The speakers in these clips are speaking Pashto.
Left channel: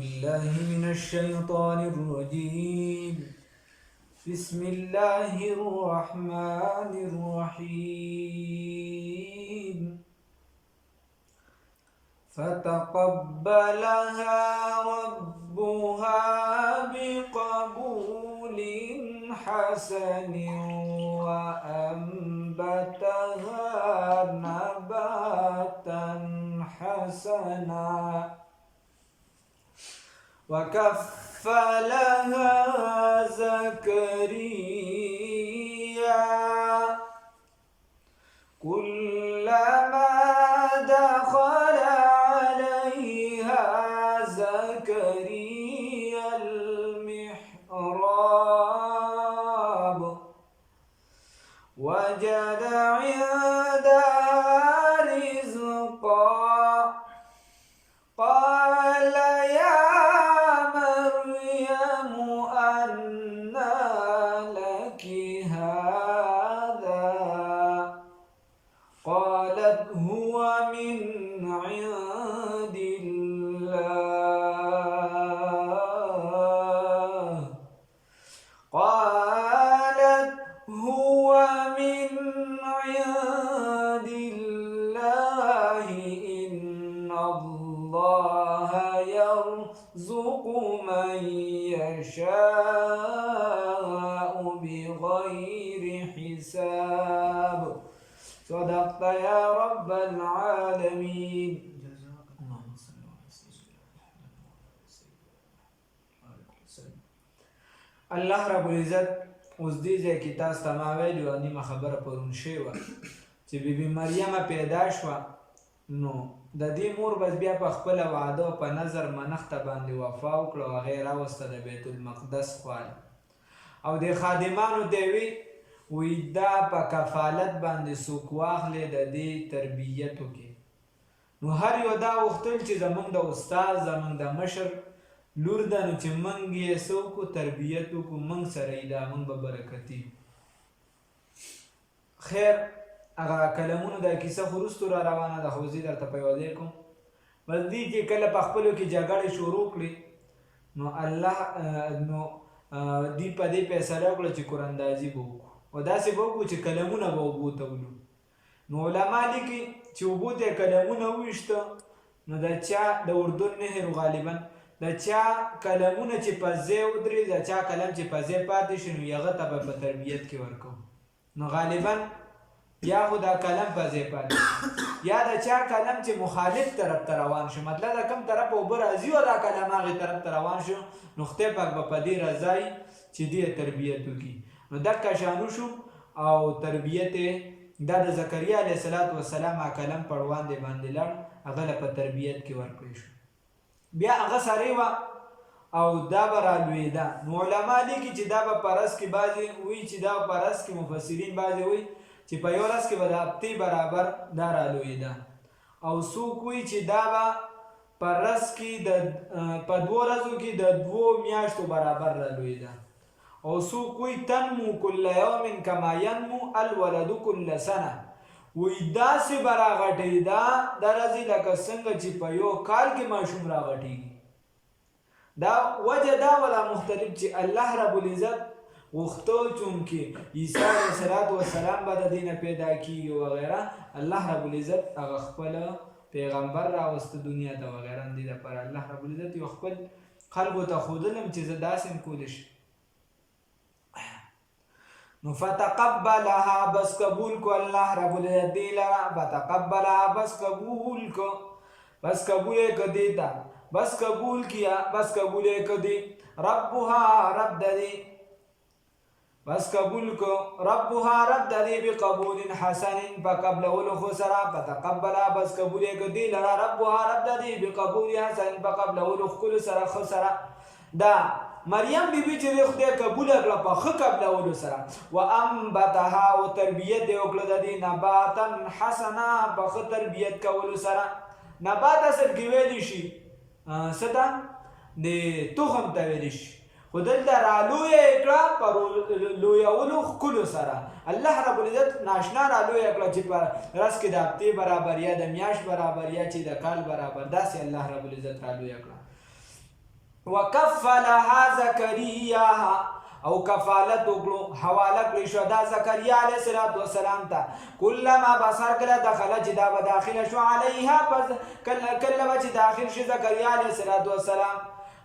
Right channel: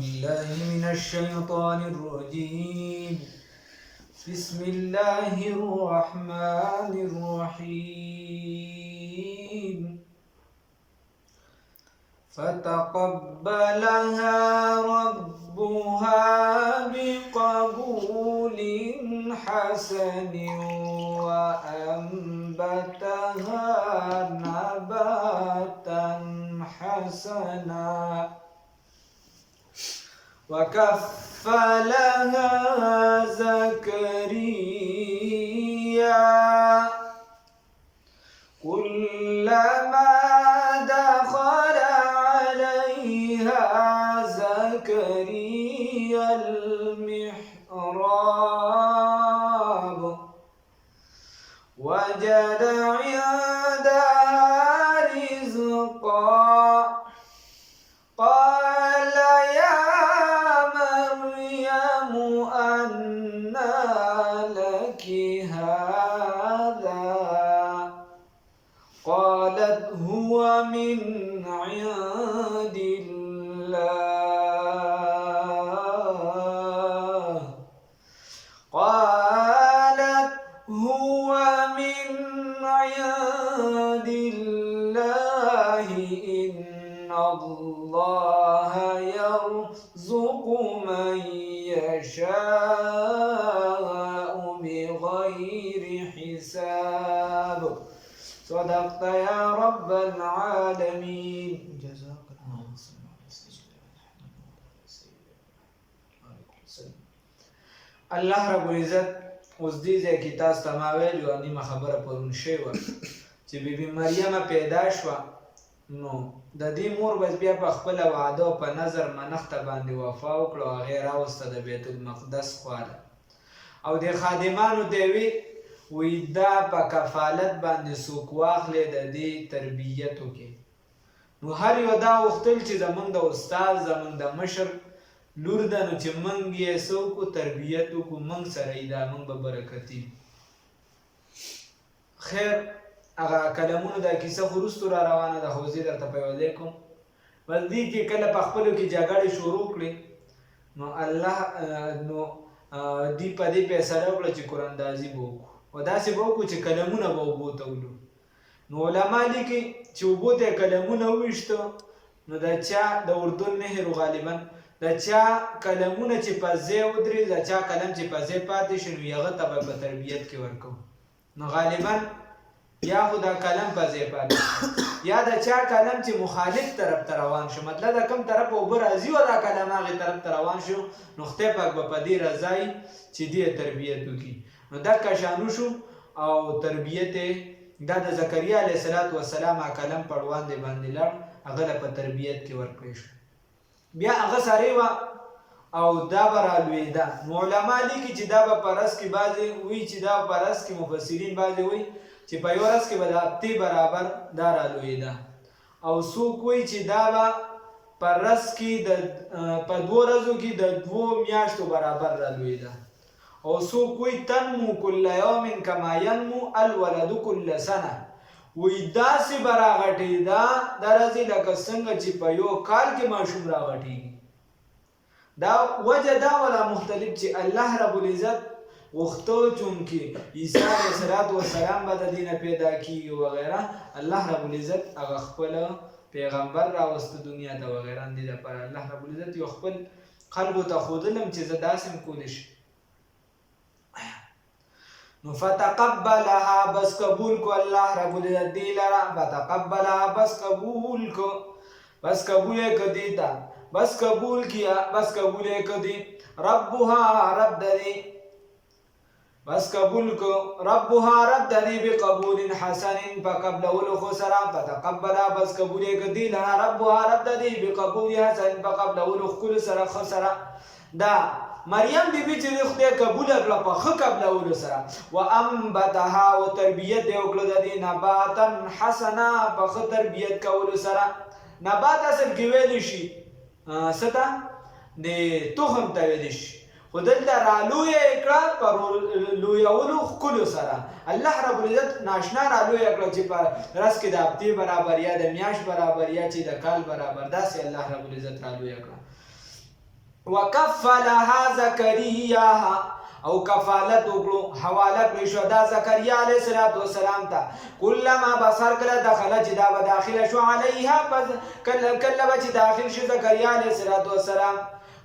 بالله من الشيطان الرجيم بسم الله الرحمن الرحيم فتقبلها ربها بقبول حسن وأنبتها نباتا حسنا وكفلها زكريا كلما دخل عليها زكريا المحراب وجد عندها رزقا قال يا مريم أنى لك هذا قالت هو من عند الله قالت هو من عند الله إن الله يرزق من يشاء بغير حساب صدقت يا رب العالمين جزاك الله الله رب العزت اوس دې ځای کې تاسو ته ما ویلي نیمه خبره پرون شوې وه چې بیبي مریم پیدا شوه نو د دې مور بس بیا په خپله وعده او په نظر منښته باندې وفا وکړه او هغې یې راوسته د بیت المقدس خواله او د خادمانو ته یې وی دا په کفالت باندې څوک واخلې د دې تربیت وکړي نو هر یو دا غوښتل چې زموږ د استاد زموږ د مشر لور ده نو چې موږ یې څه وکړو تربیت وکړو موږ سره یې دا موږ به برکتي خیر هغه کلمونو دا کیسه خو وروستو را روانه ده خو زه درته په یوه ځای کوم بس دې کې کله په خپلو کې جګړې شروع کړې نو الله نو دې په دې فیصله وکړه چې قراندازي به وکړو او داسې به وکړو چې کلمونه به اوبو ته ولو نو علما لیکي چې اوبو ته یې کلمونه وویشته نو د چا د اردن نهر غالبا د چا کلمونه چې په ځای ودرېد د چا کلم چې په ځای پاتې شي نو هغه ته به په تربیت کې ورکوو نو غالبا یا خو دا کلم په ځای پاتې یا د چا کلم چې مخالف طرف ته روان شو مطلب د کوم طرف اوبه راځي او دا کلم هغې طرف ته روان شو نو خدای پاک به په دې رضایي چې دې تربیت وکړي نو دقه شانو شو او تربیت دا د زکریا علیه السلام کلم پړوان دی باندې لاړ هغه له په تربیت کې ورکړی شو بیا هغه سړی وه او دا به رالوېده نو علما لیکي چې دا به په رس کې بعضې وایي چې دا په رس کې مفسرین بعضې وایي چې په یو ورځ کې به د هفتې برابر دا رالوېده او څوک وایي چې دا به په رس کې په 2 ورځو کې د 2 میاشتو برابر رالوېده او څوک وایي تنمو کل یوم کما ینمو الولد کل سنه وایي داسې به راغټېده دا راځي لکه څنګه چې په یو کال کې ماشوم راغټېږي دا وجه دا ولا مختلف چې الله رب العزت غوښته چونکې عیسی علیه السلام به د دې نه پیدا کېږي وغیره الله رب العزت هغه خپل پیغمبر راوسته دنیا ته وغیره دې دپاره الله رب العزت یو خپل خلکو ته ښودلم چې زه داسې هم کولی شم نو فتقبلها بس قبول کو الله رب العزت دې لره فتقبلها بس قبول کو بس قبول یې که دې ته بس قبول کیا بس قبول یې که دې ربها رب دې بس قبول کو ربها رب دې بقبول حسن فقبلولو خو سره فتقبلها بس قبول یې که دې لره ربها رب دې بقبول حسن فقبلولو ښکلو سره ښه سره دا مریم بیبي چې د خدای قبوله کړه په ښه قبلولو سره وانبتها او تربیت یې وکړه د دې نباتا حسنا په ښه تربیت کولو سره نبات اصل کې ویلی شي څه ته د تخم ته ویلی شي خو دلته رالویه یې کړه په لویولو ښکلو سره الله رب العزت ناشنا رالویه کړه چې په رس کې د هفتې برابر یا د میاشت برابر یا چې د کال برابر داسې الله رب العزت رالویه کړه وکفلها زکریا او کفالت وکړو حواله کړی شو دا زکریا علیه السلام ته کلما بصر کله دخله چې دا به داخله شو علیها کله به چې داخل شو زکریا علیه السلام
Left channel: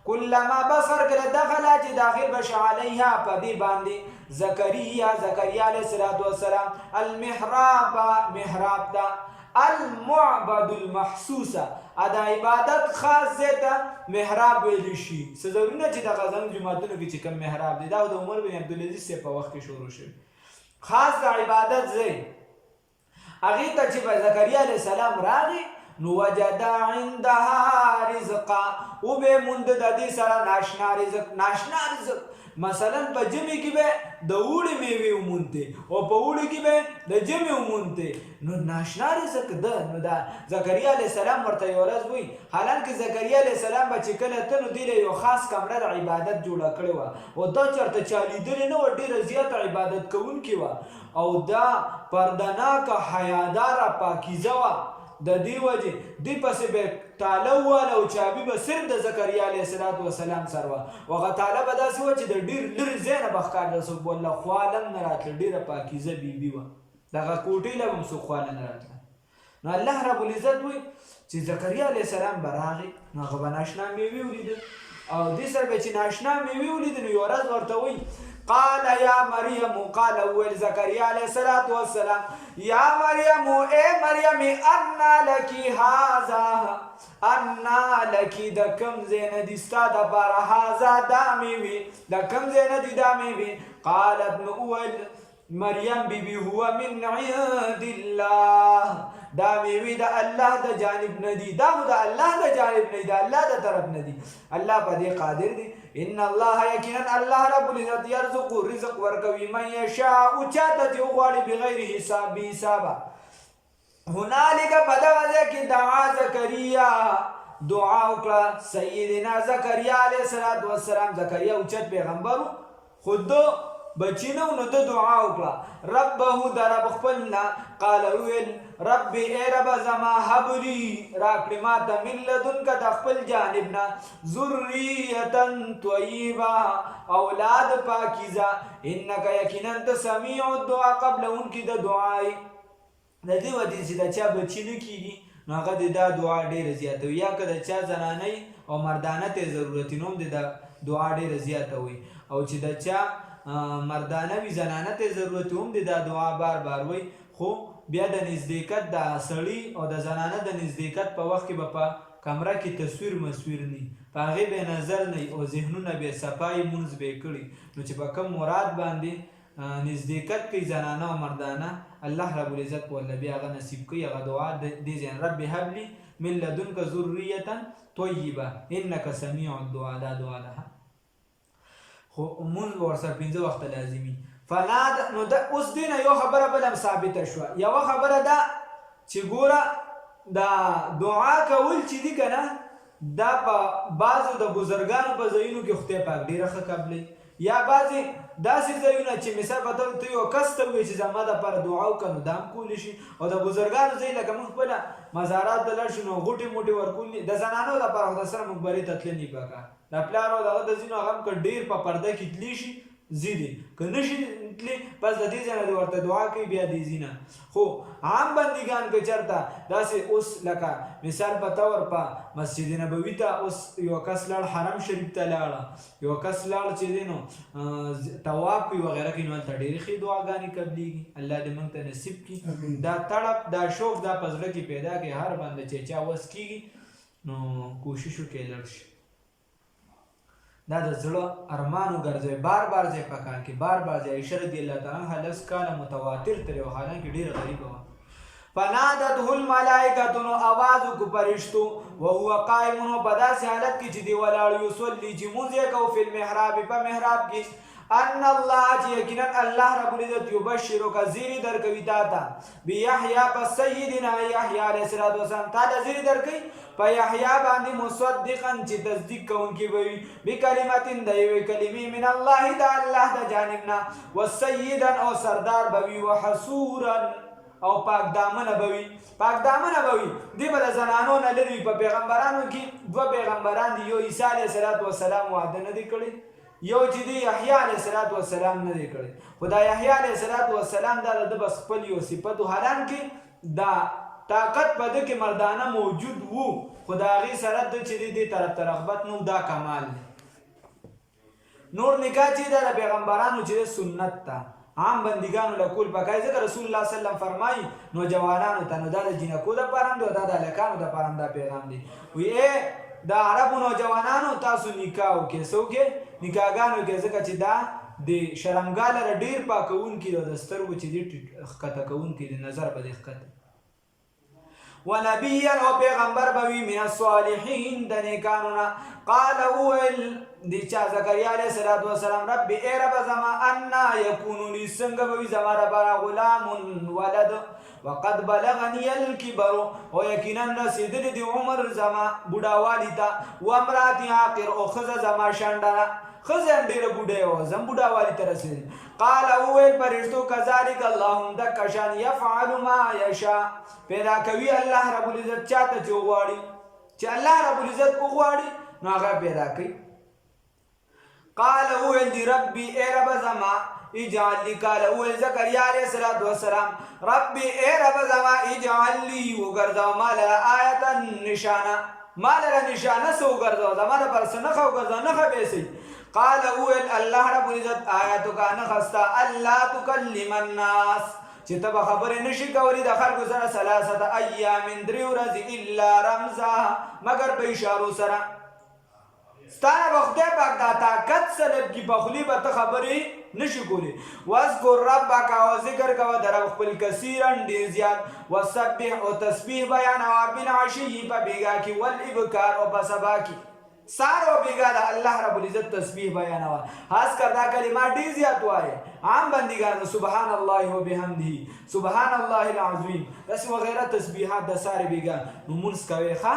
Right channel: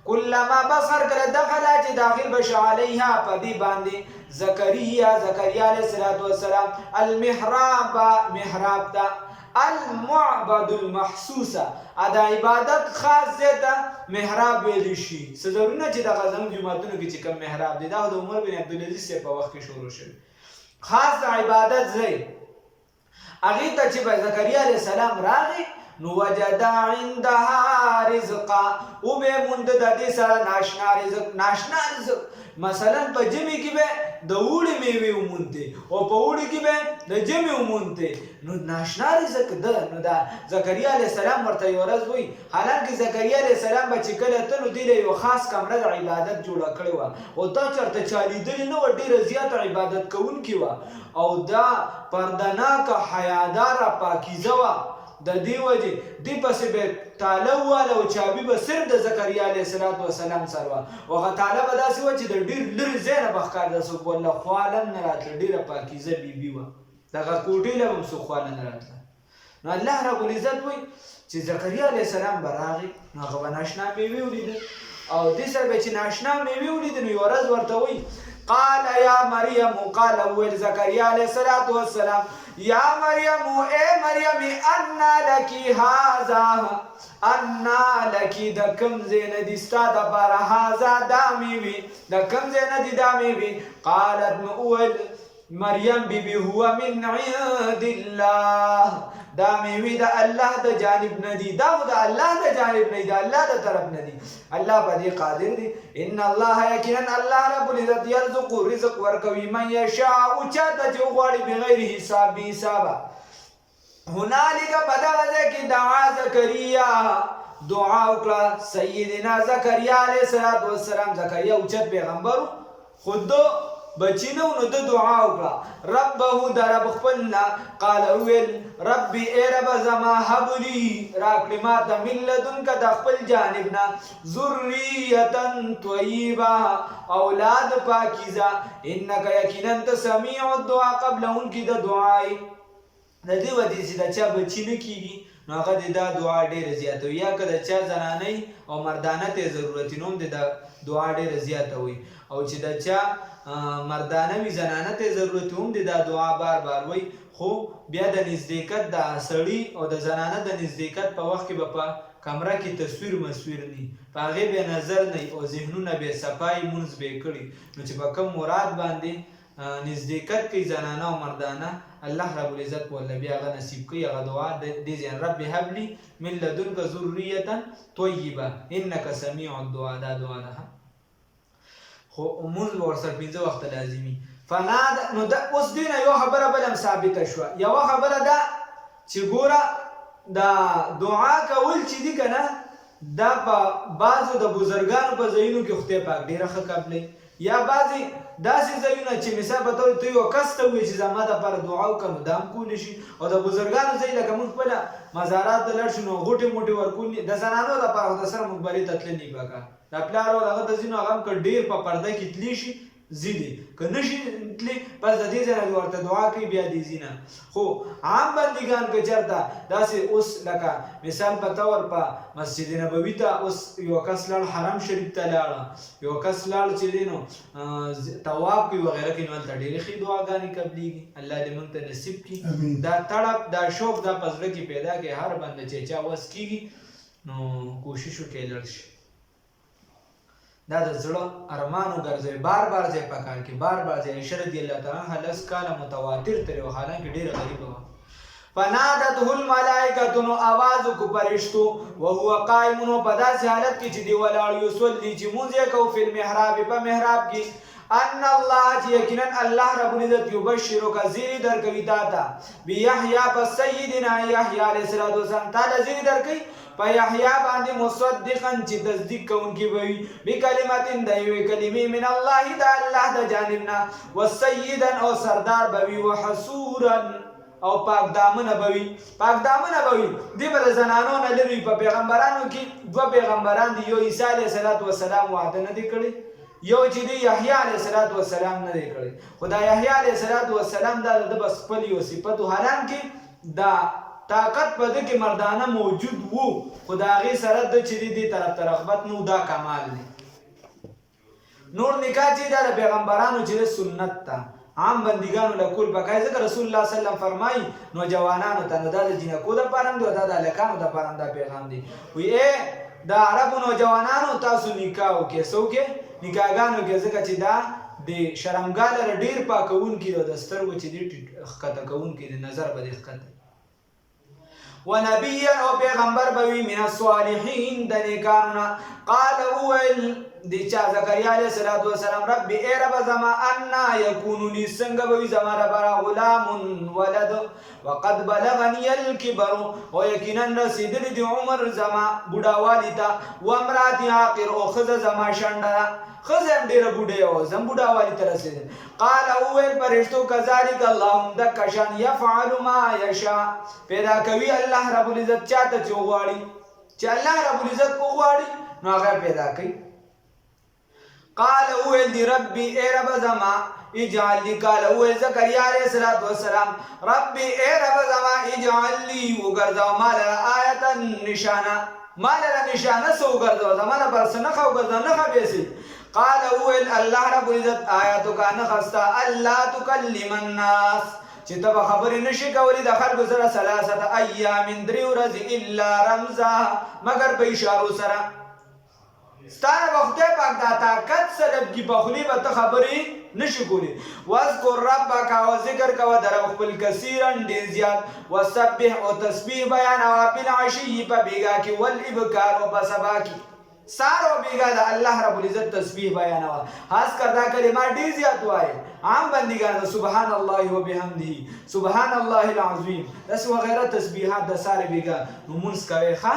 کلما بصر کله دخله چې داخل بش علیها په دې باندې زکریا علیه السلام محراب ته المعبد المحسوسه ادا عبادت خاص زیته محراب ویل شي څه ضروري نه چې د غزنوي جوماتونو کې چې کوم محراب دی دا د عمر بن عبدالعزیز په وخت کې شروع شوی خاص د عبادت ځای هغې ته چې زکریا علیه السلام راغی نو وجد عندها رزقا او به موند د دې سره ناشنا رزق مثلا په جمعې کې به د اوړي میوې ومونته او په اوړي کې به د جمعې ومونته نو ناشنا رزق ده نو دا زکریا علیه السلام ورته یوه ورځ وایي حالانکه زکریا علیه السلام به چې کله ته نو دې له یو خاص کمره د عبادت جوړه کړې وه او دا چېرته چا لیدلې نه وه ډېره زیاته عبادت کوونکې وه او دا پردناکه حیاداره پاکیزه وه د دې وجې دې پسې به تاله وواله او چابي به صرف د زکریا علیه السلام سره وه او هغه تاله به داسې وه چې د ډېر لرې ځای نه به ښکارېده څوک به ورله خواله هم نه راتله ډېره پاکیزه بیبي وه دغه کوټې له به هم څوک خواله نه راتله نو الله رب العزت وایي چې زکریا علیه السلام به راغی نو هغه به ناشنا میوې ولیدل او دې سره به چې ناشنا میوې ولیدل نو یوه ورځ ورته وایي قال یا مریم قال ویل زکریا علیه السلام یا مریم اے مریم انا لکی هذا انا لکی د کم ځای نه دي ستا دپاره هذا دا میوې د کم ځای نه دي دا میوې قالت نو وویل مریم بیبي هو من عند الله دا میوې د الله د جانب نه دي دا خو د الله د جانب نه دي د الله د طرف نه دي الله په دې قادر دی ان الله یقینا الله رب العزت یرزق رزق ورکوي من یشاء چاته چې وغواړي بغیر حساب بې حسابه هنالک په دغه ځای کې دعا زکریا دعا وکړه سیدنا زکریا علیه السلام زکریا اوچت پیغمبر خود بچی نو نو د دعا وکړه ربه د رب خپلنا قال ویل ربي ای رب زما هب لي راکړې ماته من لدنکه د خپل جانب نه ذریة طیبه اولاد پاکیزه انک یقینا ته سمیع الدعا قبلونکي د دعای د دې ودې چې د چا بچی نه کیږي نو هغه د دا دعا ډېره زیاته وي یا که د چا زنانۍ او مردانه ته ضرورت نو هم د دعا ډېره زیاته وي او چې د چا مردانه وي زنانه ته ضرورت هم د دا دعا بار بار وي خو بیا د نزدېکت د سړي او د زنانه د نزدېکت په وخت کې به په کمره کې تصویر مسویر نی په هغې به نظر نه او ذهنونه به صفایي مونځ به یې کړي نو چې په کوم مراد باندې نزدېکت کوي زنانه او مردانه الله رب العزت ورله بیا هغه نصیب کوي هغه دعا دې ځای رب هب لي من لدنک ذریة طیبه انک سمیع الدعا دا دعا ده خو مونځ به ورسره پنځه وخته لازمي فناد نو د اوس دې نه یو خبره بله هم ثابته شوه یوه خبره ده چې ګوره دا دعا کول چې دي که نه دا په بعضو د بزرګانو په ځایونو کې خدای پاک ډېره ښه قبلوي یا بعضې داسې ځایونه چې مثال په طور ته یو کس ته ووایې چې زما دپاره دعا وکړه نو دا هم کولی شي او د بزرګانو ځای لکه موږ خپله مزارات ته لاړ شو نو غوټې موټې ورکول د زنانو دپاره خو د سره موږ برې ته تللی پکار د پلار او دغه د ځینو هغه هم که ډېر په پرده کې تللی شي ځي دي که نه شي تللی بس د دې ځای نه ورته دعا کوي بیا دې ځي نه خو عام بندګان که چېرته داسې اوس لکه مثال په طور په مسجد نبوي ته اوس یو کس لاړ حرم شریف ته لاړه یو کس لاړ چې دی نو طواف کوي وغیره کوي نو هلته ډېرې ښې دعاګانې قبلېږي الله دې موږ ته نصیب کړي دا تړپ دا شوق دا په زړه کې پیدا کړي هر بنده چې چا وس کېږي نو کوشش وکړي لړ شي دا د زړه ارمانو ګرځوي بار بار ځای په کار کې بار بار ځای عایشه رضی الله تعالی عنها لس کاله متواتر ترې وه حالانکې ډېره غریبه وه فنادته الملائکة نو آواز وکړو فرشتو وهو قائم نو په داسې حالت کې چې دی ولاړ یصلي چې مونځ یې کوو فی المحراب په محراب کې ان الله چې یقینا الله رب العزت یبشرک زیری درکوي تا ته بیحیی په سیدنا یحیی علیه السلام تا له زیری درکوي په یحیی باندې مصدقا چې تصدیق کوونکی به وي بکلمت د یوې کلمې من الله د الله د جانب نه وسیدا او سردار به وي وحسورا او پاک دامنه به وي دې به د زنانو نه لرې وي. په پیغمبرانو کې دوه پیغمبران دي، یو عیسی علیه السلام واده نه دی کړی، یو چې دی یحیی علیه السلام نه دی کړی. خو دا یحیی علیه السلام دا د بس خپل یو صفت و، حالانکې دا طاقت په ده کې مردانه موجود وو، خو د هغې سره د چې دی دې طرف ته رغبت نه و. دا کمال دی. نور نکاح چې دا د پیغمبرانو چې د سنت ته عام بندګانو له کول پکای، ځکه رسول الله صلی الله علیه وسلم فرمایي نوجوانانو ته نو دا د جنکو دپاره هم دی او دا د هلکانو دپاره هم دا پیغام دی. وایي د عربو نوجوانانو تاسو نکاح وکړئ، څه وکړئ؟ نکاحګانو وکړئ، ځکه چې دا د شرمګاه لره ډېر پاکوونکي دی او د سترګو چې دی ښکته کوونکي دی، نظر به دې ښکته. ونبيا او پیغمبر بوي من الصالحين د نیکانو. قال ويل دي چا زكريا عليه السلام رب اي رب زما انا يكون لي څنګه بوي زما رب غلام ولد وقد بلغني الكبر او یقینا رسیدلی دی عمر زما بوډاوالی ته، وامراتي عاقر او خزه زما شنډه، خزه هم ډیره بوډۍ او زم بوډاوالی ته رسیدل. قال وویل فرشتو کذلک اللهم دک شان یفعل ما یشاء، پیدا کوي الله رب العزت چاته چې وغواړي، چې الله رب العزت وغواړي نو هغه پیدا کوي. قال وویل دی ربي ای رب زما اجعل لي، قال وویل زکریا علیه السلام ربي ای رب زما اجعل لي وګرځاو ما لره آیتا نشانه، ما لره نشانه څه وګرځاو، زما لپاره څه نښه وګرځاو، نښه به یې. قال وویل الله رب العزت آیاتک نښه ستا الله تکلم الناس، چې ته به خبرې نشي کولی د خلکو سره ثلاثه ایام 3 ورځې الا رمزا مگر په اشارو سره. ستانه به خدای پاک دا طاقت سلب کی په خولې به ته خبرې نشي کولی. واذکر ربک او ذکر کوه د رب خپل کثیرا ډېر زیات، وسبح او تسبیح بیانوه بالعشي په بیګا کې، والابکار او په سبا کې، سار او بیګا د الله رب العزت تسبیح بیانوه. خاص کر دا کلمات ډېر زیات وایي عام بندګان، سبحان الله وبحمده، سبحان الله العظیم، داسې وغیره تسبیحات د سارې بیګا نو مونځ کوئ ښه.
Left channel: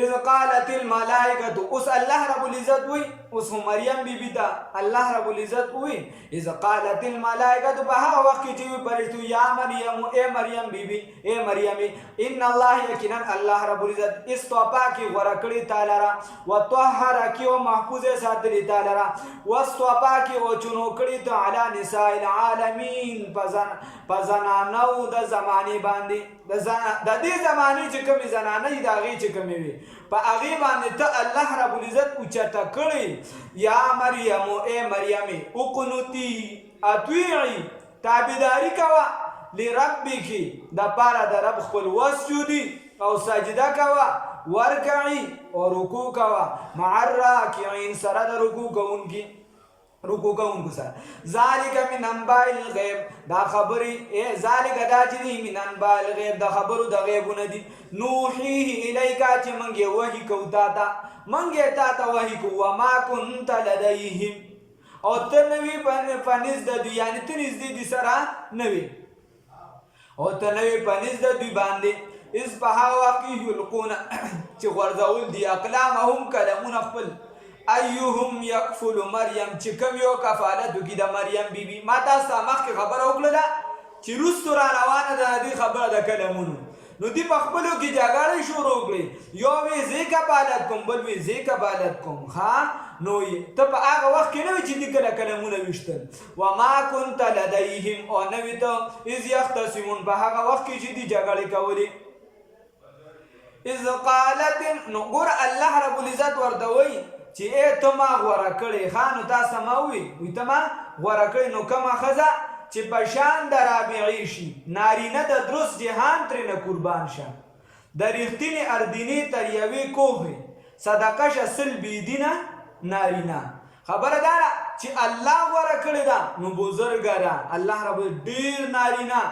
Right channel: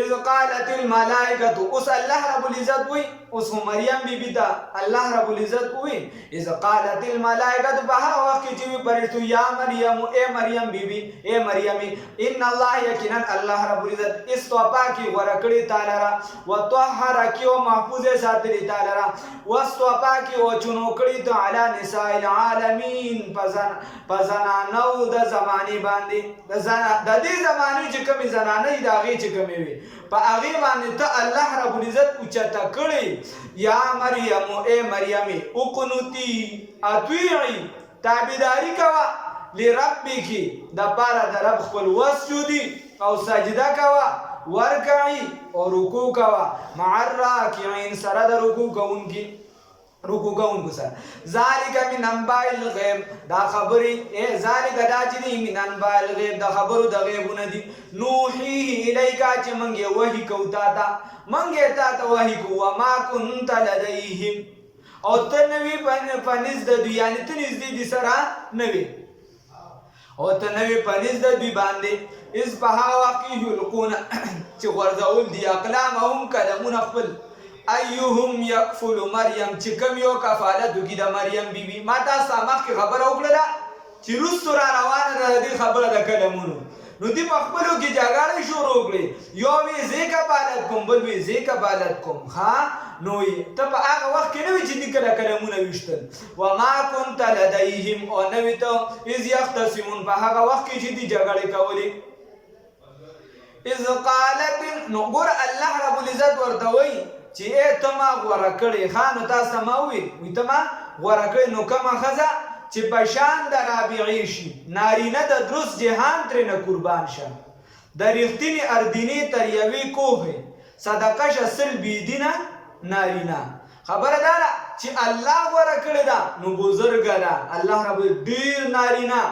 اذ قالت الملائکه، اوس الله رب العزت وی، اوس مریم بی بی دا الله رب العزت وی اذ قالت الملائکه، په هغه وخت کې چې پرشتو یا مریم اے مریم بی بی اے مریمی، ان الله یقینا الله رب العزت استوفا کی غوړه کړی تعالی را، وطهر کی او محفوظ ساتلی تعالی را، واستوفا کی او چونو کړی تعالی نساء العالمین، پزنانو د زمانی باندې، د دې زمانی چې کومې زنانې د هغې چې کومې وي په هغې باندې ته الله رب العزت اوچته کړی. یا مریم اے مریمې اقنوتی اطیعي، تابعداري کوه لربکی د پاره د رب خپل، وسجودي او سجده کوه، ورکعي او رکوع کوه، مع الراکعین سره د رکوع کوونکو سره. ذالک من انباء الغیب، دا خبرې ذالک دا چې دي من انباء الغیب د خبرو د غیبونه دي، نوحیه الیک چې موږ یې وحي کوو تا ته، موږ یې تا ته وحي کوو. وما کنت لدیهم، او ته نه وې په نزد د دوی، یعنې ته نږدې دي سره نه وې، او ته نه وې په نزد د دوی باندې. اذ په هغه وخت کې یلقون چې غورځول دي اقلامهم قلمونه خپل، ایهم یکفل مریم چې کوم یو کفالت وکړي د مریم بیبي. ما تاسو ته مخکې خبره وکړله چې وروستو را روانه ده د دې خبره د کلمونو، نو دوی په خپلو کې جګړې شروع کړې، یو وی زه کفالت کوم، بل وی زه کفالت کوم. نو ته په هغه وخت کې نه وې چې دوی کله کلمونه ویشتل. وما کنت لدیهم، او نه وې ته اذ یختصمون په هغه وخت کې چې دوی جګړې کولې. اذ قالت، نو ګوره الله رب العزت ورته وایي چې ای ته ما غوره کړې، نو تاسو ما وی ته ما غوره کړې، نو کومه ښځه چې په شان د رابعې شي، نارینه د درست جهان ترېنه قربان شه، د ریښتینې اردینې تر یوې کوهې صدقه شه سل بېدینه نارینه. خبره دا ده چې الله غوره کړې ده نو بزرګه ده، الله رب ډېر نارینه،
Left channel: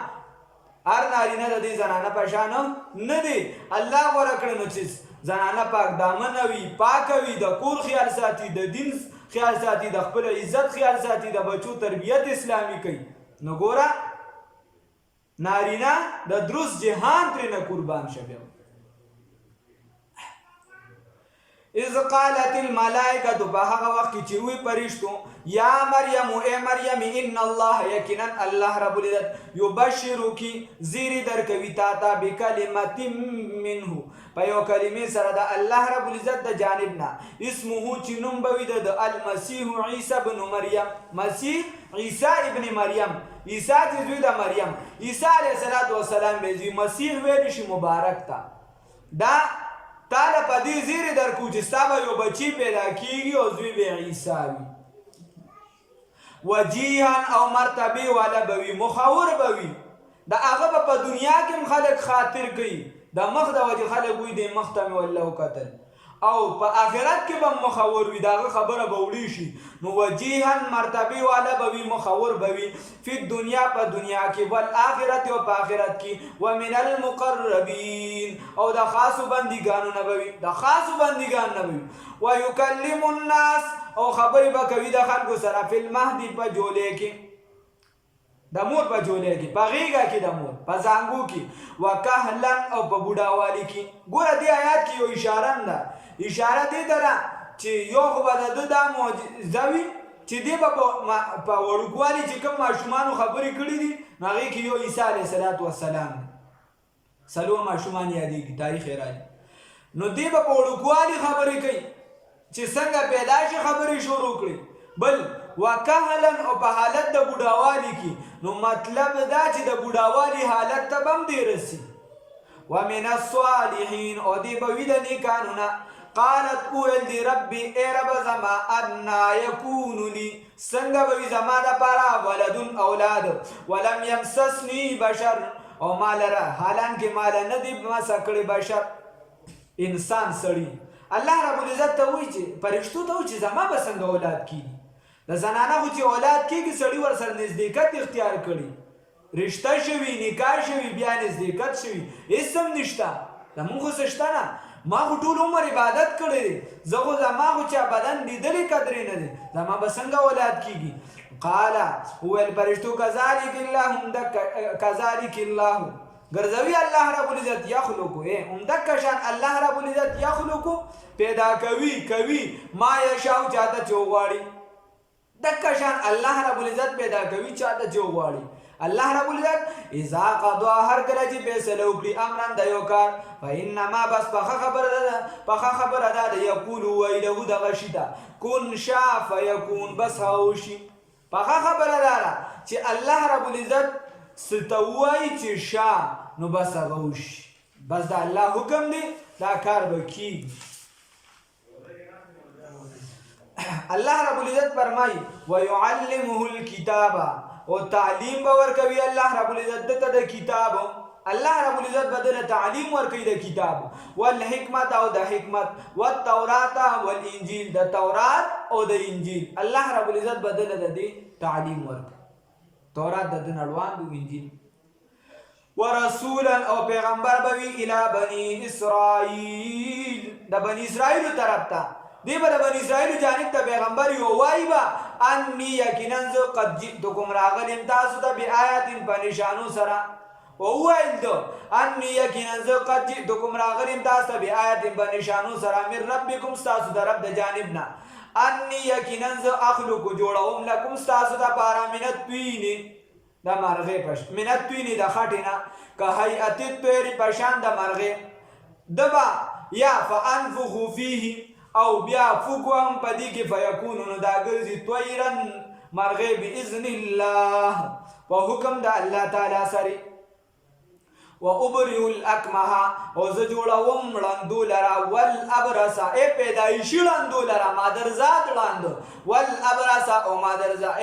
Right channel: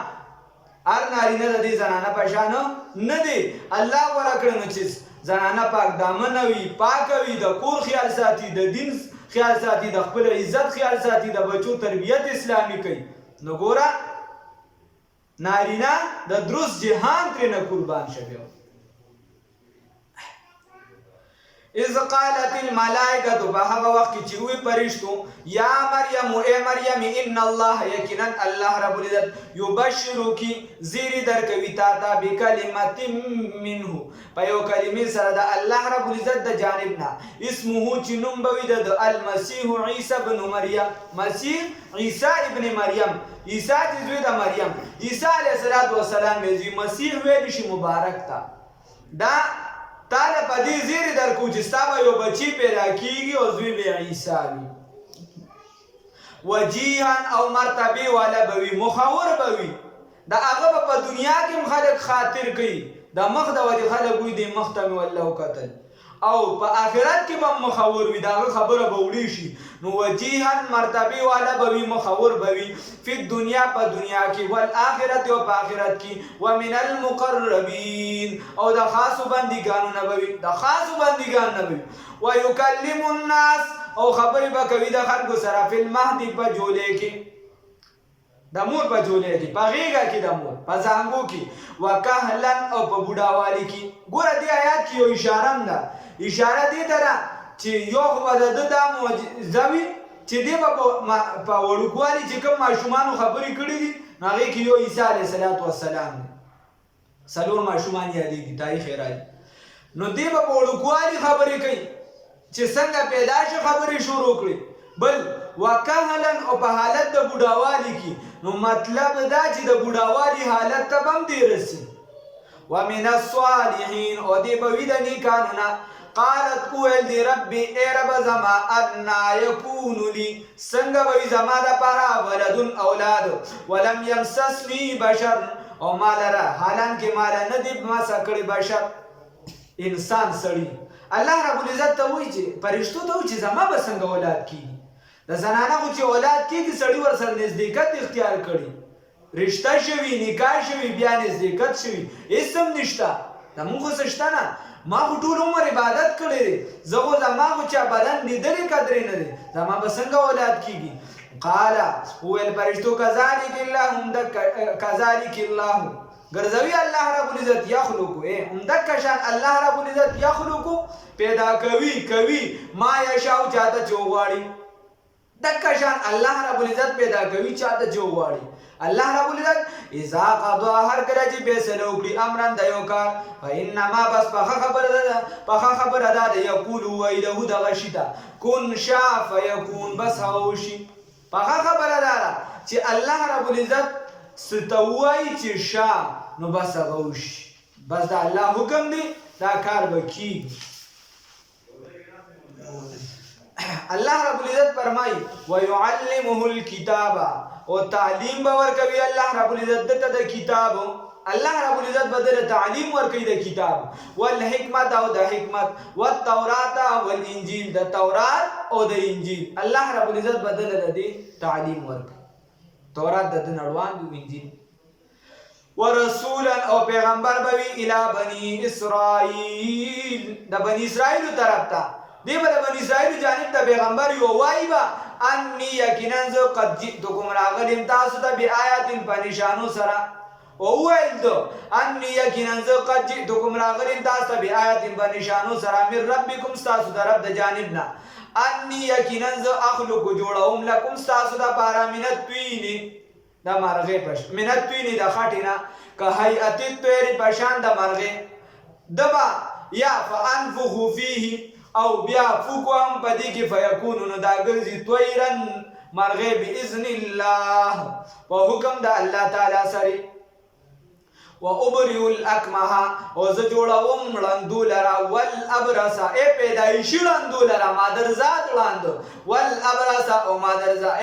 هر نارینه د دې زنانه په شان نه دی، الله غوره کړې نو چې زنانه پاک دامنه وي، پاکه وي، د کور خیال ساتي، د دین خیال ساتي، د خپل عزت خیال ساتي، د بچو تربیت اسلامي کوي. نو ګوره نارینه د درست جهان ترېنه قربان شه. بیا اذ قالت الملائکه په هغه وخت کې چې وی فرشتو یا مریم اے مریم ان الله یقینا الله رب العزت یبشرک زیر درکوي تا ته بکلمت منه په یو کلمې سره د الله رب العزت د جانب نه اسمه چې نوم به وي د المسیح عیسی ابن مریم مسیح عیسی ابن مریم عیسی چې زوی د مریم عیسی علیه السلام به مسیح ویل شي مبارک تا دا تعالی په دې زیر درکو چې ستا به یو بچی پیدا کیږي او زوی به عیسی وي وجیها او مرتبه والا به وي مخور به وي د هغه په دنیا کې هم خلک خاطر کوي د مخ د وجې خلک وایي د مخ ته مې والله وکتل او په آخرت کې به مخور وي د هغه خبره به وړي شي نو وجیها مرتبه والا به وي مخور به وي فی دنیا په دنیا کې والآخرت او په آخرت کې ومن المقربین او د خاصو بندګانو نه به وي د خاصو بندګانو نه به وي ویکلم الناس او خبرې به کوي د خلکو سره فی المهد په جولې کې د مور په جولې کې په غېږه کې د مور په زانګو کې وکهلا او په بوډاوالي کې ګوره دې آیات کې یو اشاره ده اشاره دې ته ده چې یو خو به د ده دا معجزه وي چې دې به په وړوکوالي چې کوم ماشومانو خبرې کړي دي نو هغې کې یو عیسی علیه السلام دی څلور ماشومان یادېږي تاریخ یې راځي نو دې به په وړوکوالي خبرې کوي چې څنګه پیدا شي خبرې شروع کړي بل وکهلا او په حالت د بوډاوالي کې نو مطلب دا چې د بوډاوالي حالت ته به هم دې رسي ومن الصالحین او دې به وي د نیکانو نه قالت اویل دی ربی اے رب زما انا یکون لی څنګه به وي زما دپاره ولدن اولاد ولم یمسسنی بشر او ما لره حالانکې ماله نه دي مسه کړی بشر انسان سړي الله رب العزت ته وایي چې فرشتو ته وایي چې زما به څنګه اولاد کېږي د زنانه خو چې اولاد کېږي سړي ورسره نزدېکت اختیار کړي رشته شوي نکاح شوي بیا نزدېکت شوي هېڅ هم نشته زمونږ خو څه شته نه ما خو ټول عمر عبادت کړی دی زه خو زما خو چا بدن لیدلی قدرې نه دی زما به څنګه اولاد کېږي قاله وویل فرشتو کذلک الله کذلک الله ګرځوي الله رب العزت یخلقو همدکه شان الله رب العزت یخلقو پیدا کوي ما یشاء چاته چې وغواړي دکه شان الله رب العزت پیدا کوي چاته چې وغواړي الله رب العزت اذا قضا هر کله چې فیصله وکړي امرا د یو کار فانما بس پخه خبره ده یقول ویله دغه شي ته کن شا فیکون بس هغه وشي پخه خبره ده چې الله رب العزت څه ته وایي چې شا نو بس هغه وشي بس د الله حکم دی دا کار به کېږي الله رب العزت فرمایي ویعلمه الکتاب او تعلیم به ورکوي الله رب العزت دته د کتاب الله رب العزت بدل تعلیم ورکوي د کتاب والحکمت او د حکمت والتورات والانجیل د تورات او د انجیل الله رب العزت بدل د دې تعلیم ورکوي تورات د نړوان دی انجیل ورسولا او پیغمبر به وي الی بنی اسرائیل د بنی اسرائیل طرف ته دی به د بنی اسرائیل جانب ته پیغمبر یو وایي به انی یقینا زه قد جئتکم راغلم تاسو ته بآیات په نشانو سره او وویل دو انی یقینا زه قد جئتکم راغلم تاسو ته بآیات په نشانو سره من ربکم ستاسو د رب د جانب نه انی یقینا زه اخلق جوړوم لکم ستاسو دپاره من الطین د مرغې پش من الطین د خټې نه که هیئت الطیر په شان د مرغې دبا یا فانفخ فیه او بیا فوکو هم په دې کې فیکونو نو دا ګرځي طیرا مرغې باذن الله په حکم د الله تعالی سره وابرئ الاکمه او زه جوړوم ړندو لره والابرص ای پیدایشي ړندو لره مادرزاد ړاند والابرص او مادرزا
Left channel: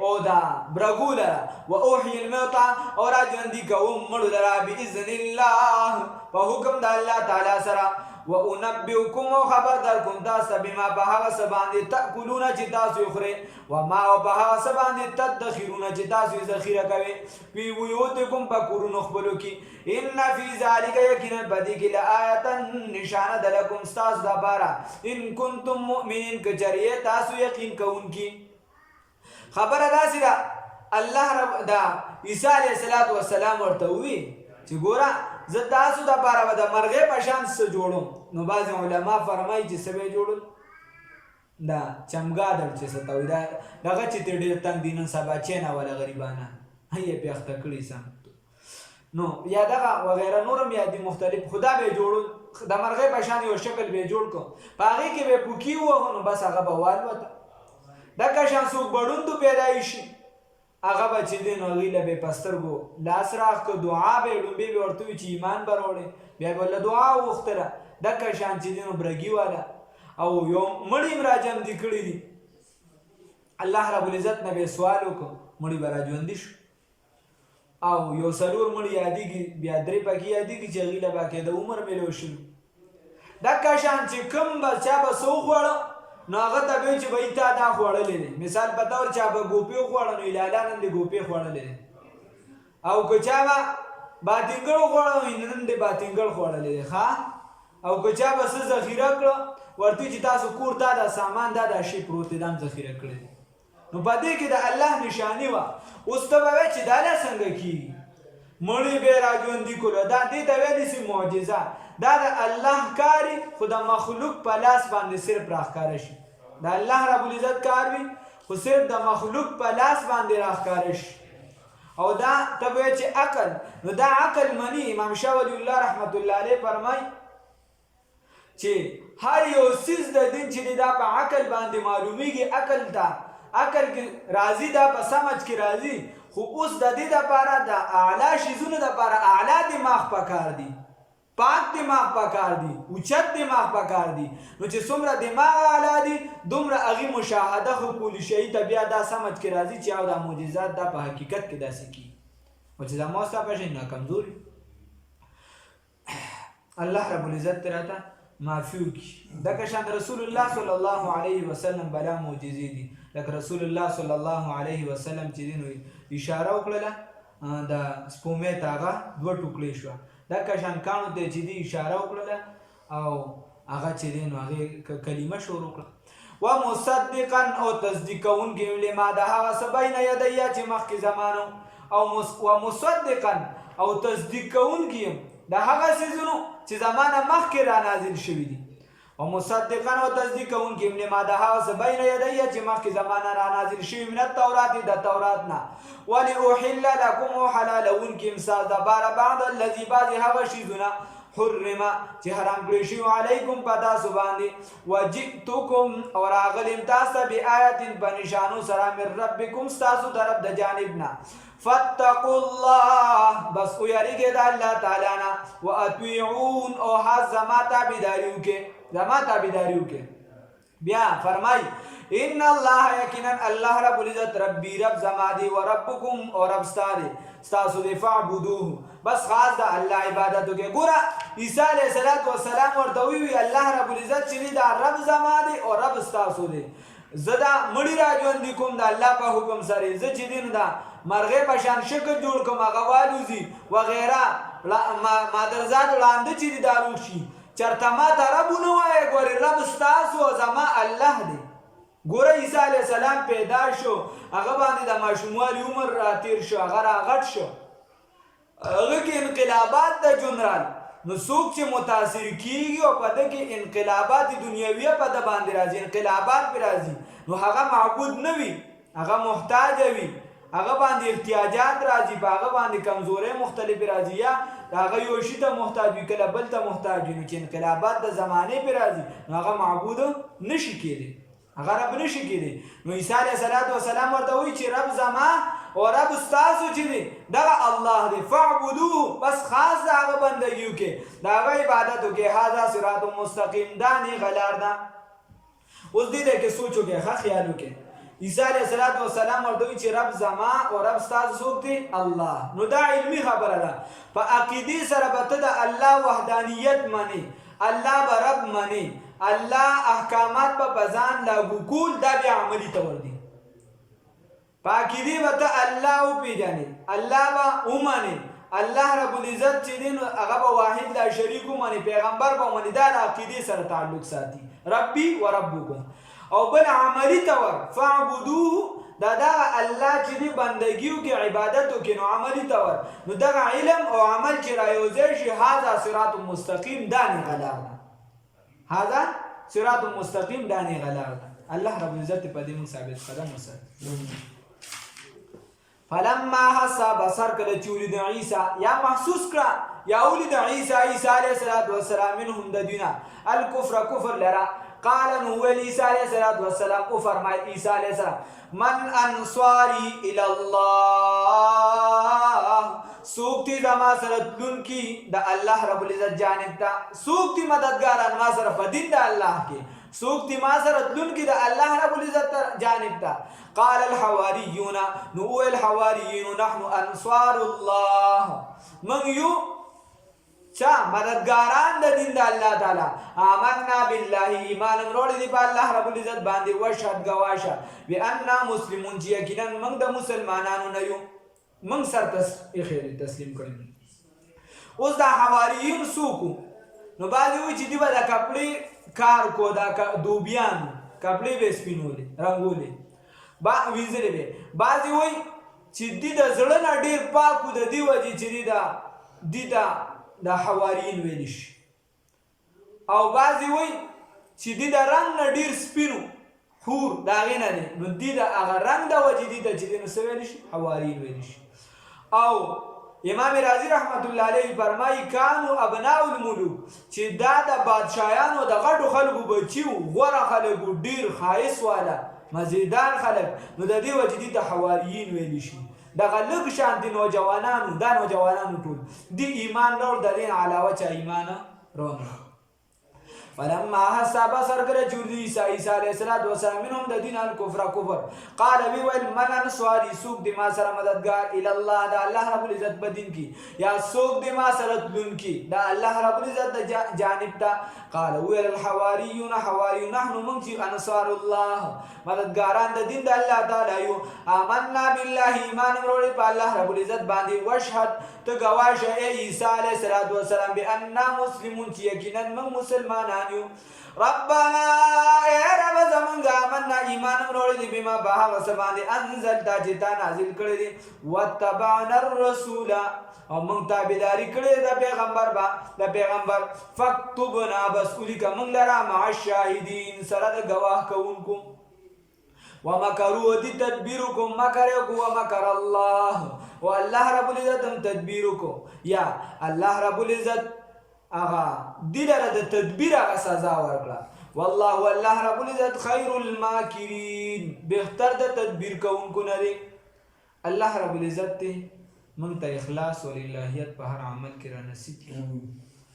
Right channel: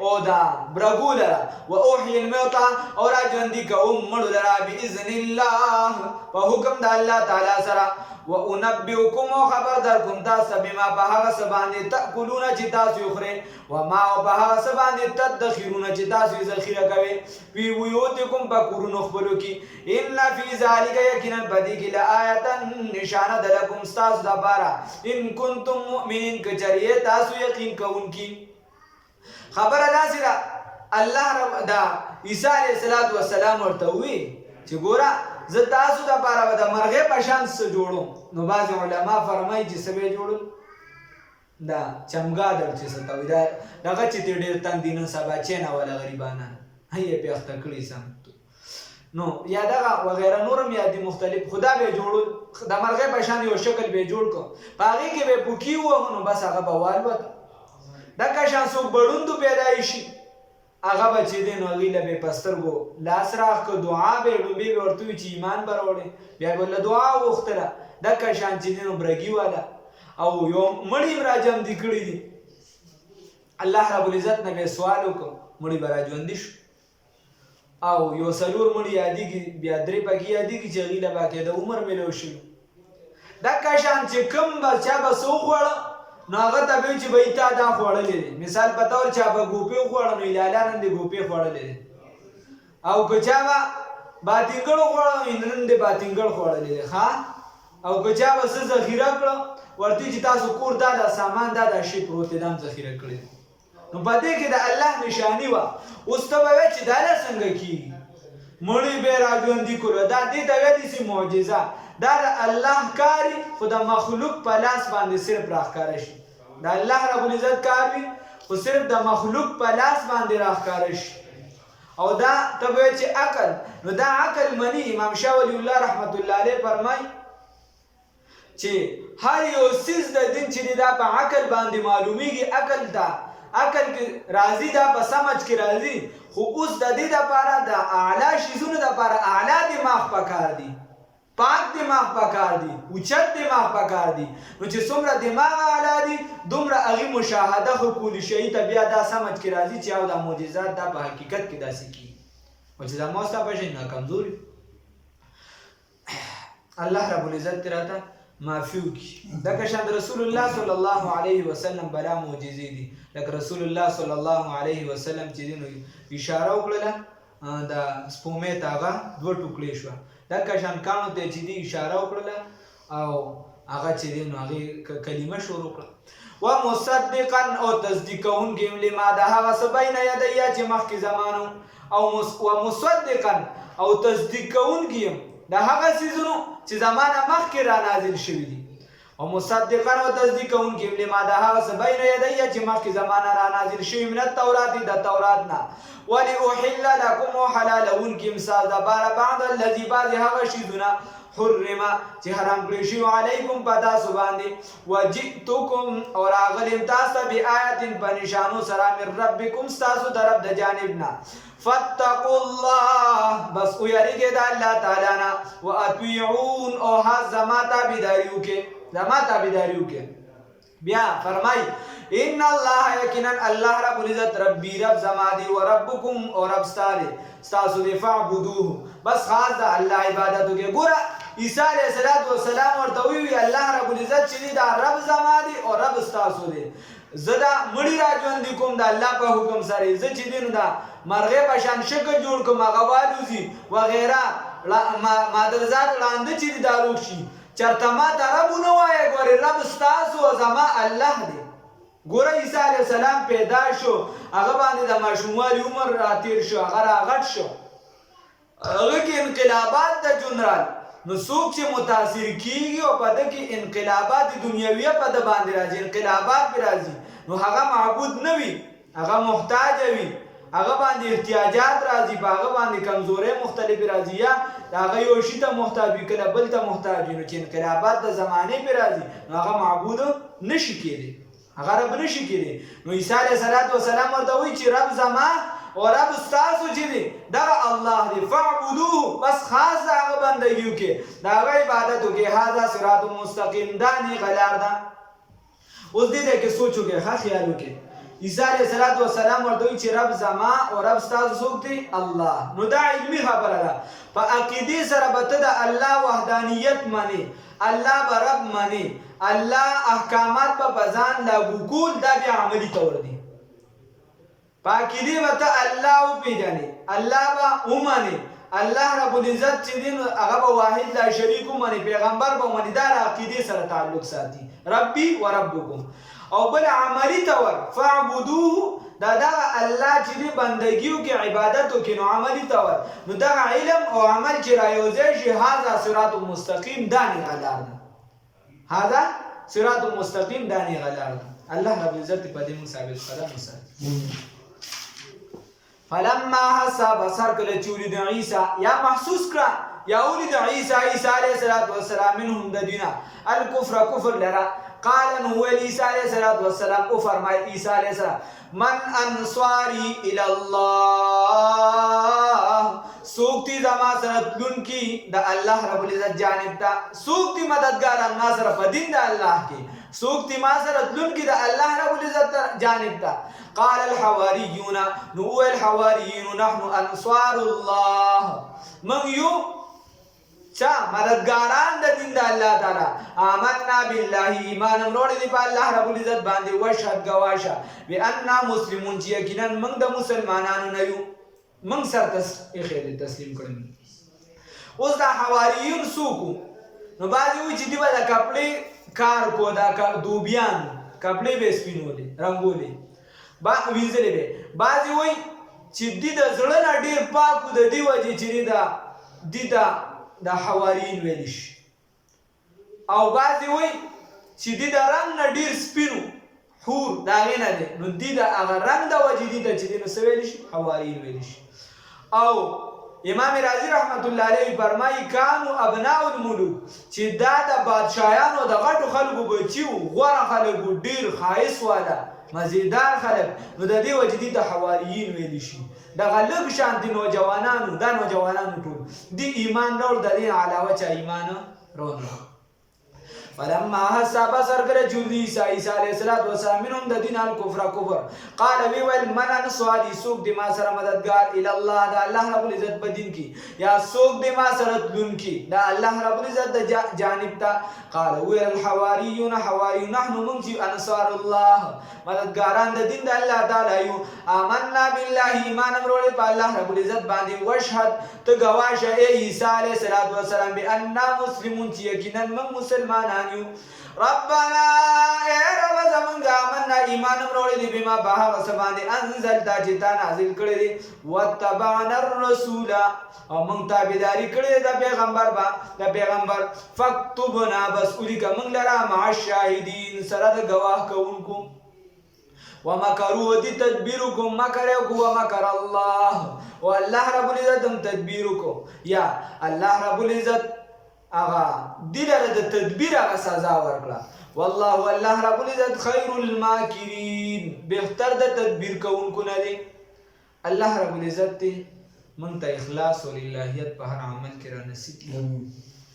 او دا برګو لره واحیي الموتى او را ژوندي کوم مړو لره باذن الله په حکم د الله تعالی سره وانبئکم خبر درکم تاسو بما په هغه څه باندې تاکلون چې تاسو خورئ وما په هغه څه باندې تدخرون چې تاسو ذخیره کوئ فی بیوتکم په کورونو خپلو کې ان فی ذلک یقینا په دې کې لآیة نشانه ده لکم ستاسو دپاره ان کنتم مؤمنین که چېرې تاسو یقین کوونکي خبره داسې ده الله رب دا عیسی علیه السلام ورته ووایي چې ګوره زه تاسو دپاره به د مرغۍ په شان څه جوړوم. نو بعضې علما فرمایي چې څه به یې جوړل؟ دا چمګادر چې څه ته وایي دا دغه چې ترې ډېر تنګ دي نن سبا چینوله غریبانان یې پې اخته کړي سم. نو یا دغه وغیره نورم یا دي مختلف خدا به جوړول د مرغۍ په شان یو شکل به جوړ کړو په هغې کې به پوکي ووهو نو بس هغه به والوته. دغه شان څوک بړوندو پیدا شي هغه به چې دی نو هغوی له به په سترګو لاس راښ کړو دعا به یې لومبې به ورته ووي چې ایمان به راوړې بیا به له دعا وغوښتله. دغه شان چې دی نو برګي والا او یو مړي هم راجمدي کړي دي. الله رب العزت نه به سوال وکړو مړي به راژوندي شو او یو څلور مړي یادېږي بیا درې پکې یادېږي چې هغوی له باقاعده عمر میلو شلو. دغه شان چې کوم به چا به څه وخوړه نو هغه ته به وي چې بهی تا دا خوړلی دی. مثال په طور چا به ګوپې وخوړه نو لالا نن دې ګوپې خوړلی دی او که چا به باتینګړ وخوړه نو نن دې باتینګړ خوړلی دی ښه. او که چا به څه ذخیره کړه ورته چې تاسو کور دا سامان دا شی پروت دی دا هم ذخیره کړی دی. نو په دې کې د الله نشاني وه. اوس ته به وایې چې دا لا څنګه کېږي مړي به یې راژوندي کړو دا دې ته ویلی سي معجزه. دا د الله کاري خو د مخلوق په لاس باندې صرف راښکاره شي. د الله رب العزت کار وي خو صرف د مخلوق په لاس باندې راښکاره شي. او دا ته به وایې چې عقل نو دا عقل مني. امام شاه ولی الله رحمت الله علیه فرمایي چې هر یو څیز د دین چې دی دا په عقل باندې معلومیږي. عقل کې راځي دا په سمج کې راځي خو اوس د دې دپاره د اعلی شیزونو دپاره اعلی دماغ پکار دی پاک دماغ پکار دی اوچت دماغ پکار دی. نو چې څومره دماغ اعلی دی دومره هغې مشاهده خو کولی شي ته بیا دا سمج کې راځي چې او دا معجزات دا په حقیقت کې داسې کېږي او چې دا ما ستا په شي نه کمزوري الله رب العزت ترې راته معافي وکړي. دغه شان د رسول الله صلی الله علیه وسلم بلا معجزې دي لکه رسول الله صلی الله علیه وسلم چې دی نو اشاره وکړله د سپومې ته هغه دوه ټوکړې شوه. دغه شان کاڼو ته چې دی اشاره وکړله او هغه چې دی نو هغې کلمه شروع کړه. و مصدقا او تصدیق کوونکي لما د هغه څه بین یدیه چې مخکې زمانو او و مصدقا او تصدیق کوونکي د هغه څیزونو چې زمانه مخکې را نازل شوي دي. او مصدقا او تصدیق کوونکي لما د هغه څه بین یدیه چې مخکې زمانه را نازل شوي من التورات د تورات نه ولأحل لکم او حلالونکي ستاسو دپاره بعد الذي بعضې هغه شیزونه حرم چې حرام کړی شوي علیکم په تاسو باندې وجئتکم او راغلم تاسو ته بآیت په نشانو سره من ربکم ستاسو د رب د جانب نه فاتقوا الله بس ویریږئ د الله تعالی نه واطیعون او زما تابعداري وکړئ. بیا فرمای ان الله یقینا الله رب العزت ربی رب زما دی و ربکم او رب ستاسو دی فاعبدوه بس خاص د الله عبادت وکړئ. ګوره عیسی علیه السلام ورته وویل الله رب العزت چې دی دا رب زما دی او رب ستاسو دی. زه دا مړي راژوندي کوم د الله په حکم سره. زه چې دی نو دا مرغۍ په شان شکل جوړ کړم هغه والوځي وغیره مادرزاد ړانده چې دی دا روغ شي. چېرته ما ته رب ونه وایه ګورې رب ستاسو زما الله دی. ګوره عیسی علیه السلام پیدا شو هغه باندې د ماشوموالي عمر راتېر شو هغه راغټ شو هغه کې انقلابات د جنرال نو څوک چې متاثر کیږي او په ده کې انقلابات دنیویه په ده باندې راځي انقلابات پرې راځي نو هغه معبود نه وي هغه محتاج وي هغه باندې احتیاجات راځي په هغه باندې کمزورۍ مختلفې راځي یا هغه یو شي ته محتاج وي کله بل ته محتاج وي نو چې انقلابات د زمانې پرې راځي نو هغه معبود نشي کېدی هغه رب نشي کېدی. نو عیسی علیه السلام ورته وایي چې رب زما او رب ستاسو چې دی دغه الله دی فاعبدوه بس خاص د هغه بندګي وکړئ د هغه عبادت وکړئ. هذا صراط مستقیم دا نیغه لار ده. اوس دې کې سوچ وکړئ ښه خیال وکړئ. عیسی علیه السلام ورته وایي چې رب زما او رب ستاسو څوک دی الله. نو دا علمي خبره ده په عقیدې سره به ته د الله وحدانیت منې الله به رب منې الله احکامات به ځان لاګو کول دا بیا عملي طور دی. په عقیدې به ته الله وپېژنې الله به ومنې الله رب العزت چې دی نو هغه به واحد لا شریک ومنې پیغمبر به ومنې دا د عقیدې سره تعلق ساتي ربي و ربکم. او بل عملي طور فاعبدوه دا الله چې دی بندګیو کې عبادت وکړي نو عملی تور نو دغه علم او عمل چې رايوځي شي هاذا صراط مستقیم دانی غلار ده هاذا صراط مستقیم دانی غلار ده الله رب عزت په دې موږ ثابت قدم وسه فلما حسب بصر کله چولی د عیسی یا محسوس کړه یا ولید عیسی علیه السلام منهم د دینا الکفر کفر لرا قال نو عیسی علیه السلام او فرمای عیسی علیه السلام من انصاری الی الله سوکتی زما سره تلون کی د الله رب العزت جانب ته سوکتی مددګاران ما سره په دین د الله کې سوکتی ما سره تلون کی د الله رب العزت جانب ته قال الحواریون نو الحواریون نحن انصار الله من یو چا مددګاران د دین د الله تعالی آمنا بالله ایمان وروړي دی په الله رب العزت باندې وشهد گواشه بأننا مسلمون چې یقینا موږ د مسلمانانو نه یو موږ سره تسلیم کړو اوس دا حواریون سوکو نو بعضی وی چې دی به د کپړې کار کو دا دوبیان کپړې به سپینولې رنگولې وینځلې به بعضی وی چې دی د زړه نه ډیر پاکو د دی وجه چې دی دا حواریین ویل شي او بعضی وی چې دی د رنگ نه ډیر سپینو حور دا غې نه دی نو دی د هغه رنگ د وجه دی چې دی نو څه ویل شي حواریین ویل شي او امام رازی رحمت الله علیه فرمایي کانو ابناء الملوک چې دا د بادشاهانو د غټو خلکو بچیو غوره خلکو ډیر خایس والا مزیدار خلک نو د دې وجه دی د حواریین ویل شي دغه لږ شان دي نوجوانانو دا نوجوانانو ټول دی ایمان راوړ د دې علاوه چا ایمان راوړ فلما حسب بصر کله چولی عیسی علیه السلام منهم د دین الکفر کفر قال وی ویل من انصاری سوق دی ما سره مددگار الی الله دا الله رب العزت په دین کی یا سوق دی ما سره تلون کی دا الله رب العزت د جانب تا قال وی الحواریون حواری نحن من انصار الله مددگاران د دین د الله تعالی یو آمنا بالله ایمان وروړي په الله رب العزت باندې وشهد ته گواشه عیسی علیه السلام بأننا مسلمون چې یقینا من مسلمانان ربنا اے رب زمونږه آمنا ایمان وروړي دی بما بها وسباندې انزل دا چې تا نازل کړی دی وتبعنا الرسول او موږ تابعداري کړې د پیغمبر فاکتبنا بس الیک موږ لرا مع الشاهدین سره د گواه کوونکو ومکروا دی تدبیرکم مکرکم ومکر الله والله رب العزت هم تدبیرکو یا الله رب العزت اغا دیلره د تدبیر اغا سزا ورکړه والله الله رب العزت خیر الماکرین بهتر د تدبیر کوونکو نه دی الله رب العزت ته مونږ ته اخلاص او للهیت په هر عمل کې را نصیب کړي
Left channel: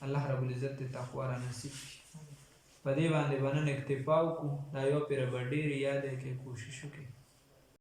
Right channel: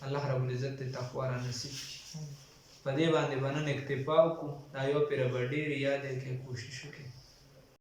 الله رب العزت ته تقوا را نصیب کړي په دې باندې باندې اکتفا وکړو دا یو پیر ډېر یاد کې کوشش وکړو